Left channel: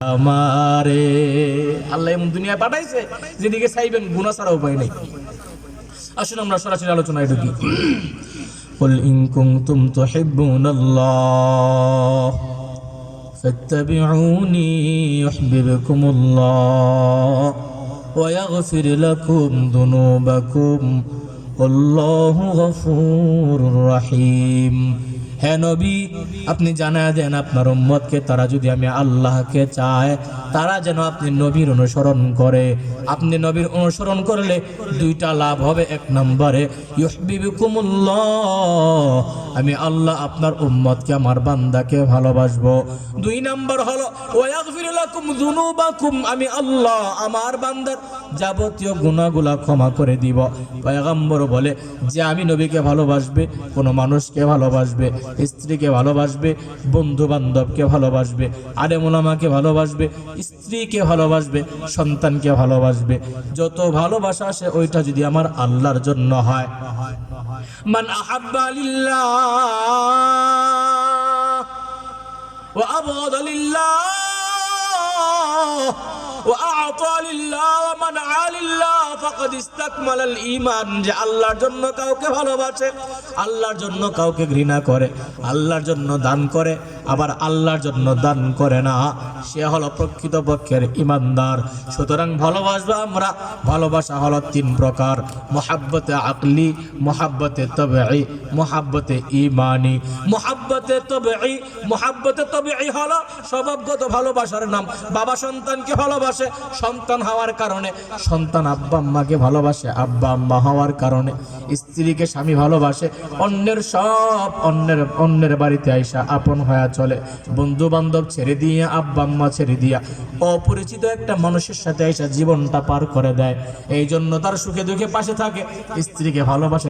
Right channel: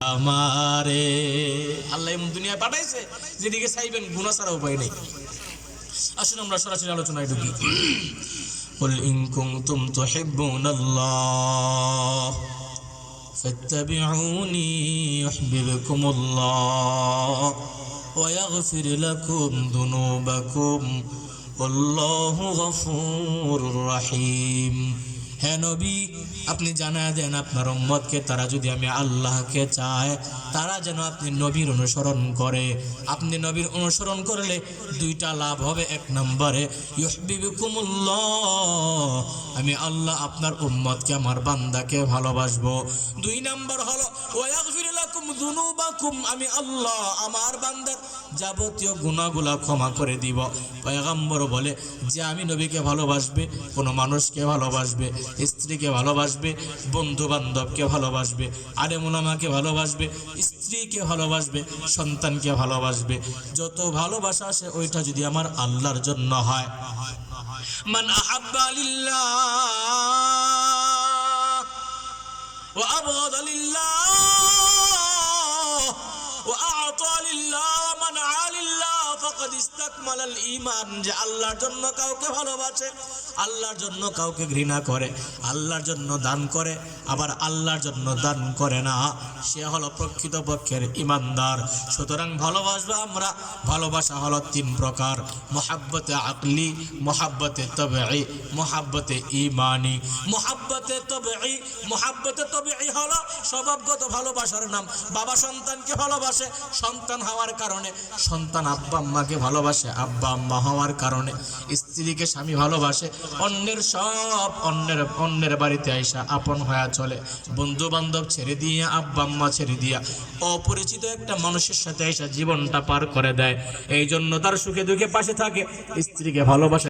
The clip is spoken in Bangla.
আমারে আল্লাহ এমন দুনিয়ায় পাঠাইছে যেদিকে চাইবেন গুনাহ ছাড়া উপায় নেই। আসুন আমরা সরাসরি আলোচনায় ঢুকি। কুল ইন কুনতুম তুহিব্বুনাল্লাহ ফাত্তাবিউনি ইউহিব্বুকুমুল্লাহ ওয়া ইয়াগফির লাকুম যুনুবাকুম আল্লাহু গফুরুর রহিম। হে নবী, আপনি জানায় দেন আপনার উম্মতকে, তারা যদি আমি আল্লাহকে চায় তারা যেন আপনি নবীর অনুসরণ করে। আপনি নবীর অনুসরণ করলে দুইটা লাভ হবে। এক নম্বরে ইউহিব্বুকুমুল্লাহ, আমি আল্লাহ আপনার উম্মতকে আমার বান্দাকে ভালোবাসবো। দুই নম্বর হলো ওয়া ইয়াগফির লাকুম যুনুবাকুম, আমি আল্লাহ আমার বান্দার যাবতীয় গুনাহগুলো ক্ষমা করে দিব। পয়গম্বর বলে যে আমি নবীকে ভালোবাসবে, কোনো মানুষকে ভালোবাসবে, স্ত্রীকে ভালোবাসবে, বন্ধু বান্ধবকে ভালোবাসবে, আলেম ওলামাকে ভালোবাসবে, স্ত্রীকে ভালোবাসবে, সন্তানকে ভালোবাসবে, যত ভালোবাসা আসে ওইটা যদি আমার আল্লাহর জন্য হয়। মান আহাব্বা লিল্লাহ ওয়া আবগাদা লিল্লাহ ওয়া আ'তা লিল্লাহ ওয়া মানআ লিল্লাহ ফাকাদ ইসতাকমালাল ঈমান। যে আল্লাহর জন্য কাউকে ভালোবাসে, আল্লাহর জন্য কাউকে ঘৃণা করে, আল্লাহর জন্য দান করে, আবার আল্লাহর জন্য দান করে না, সে হলো প্রকৃতপক্ষের ঈমানদার। সুতরাং ভালোবাসবো আমরা। ভালোবাসা হলো তিন প্রকার: মুহাব্বতে আকলি, মুহাব্বতে তাবঈ, মুহাব্বতে ঈমানি। মুহাব্বতে তাবঈ হলো স্বভাবগত ভালোবাসার নাম। বাবা সন্তানকে ভালোবাসে, সন্তান হওয়ার কারণে। সন্তান আব্বা আম্মাকে ভালোবাসে, আব্বা আম্মা হওয়ার কারণে। স্ত্রীকে স্বামী ভালোবাসে, অন্যের বাড়িতে আইসা আপন হয়ে চলে। বন্ধু বান্ধব ছেড়ে দিয়ে, আব্বা আম্মা ছেড়ে দিয়া অপরিচিত একটা মানুষের সাথে আইসা জীবনটা পার করে দেয়। এই জন্য তার সুখে দুঃখে পাশে থাকে। স্ত্রীকে ভালোবাসে।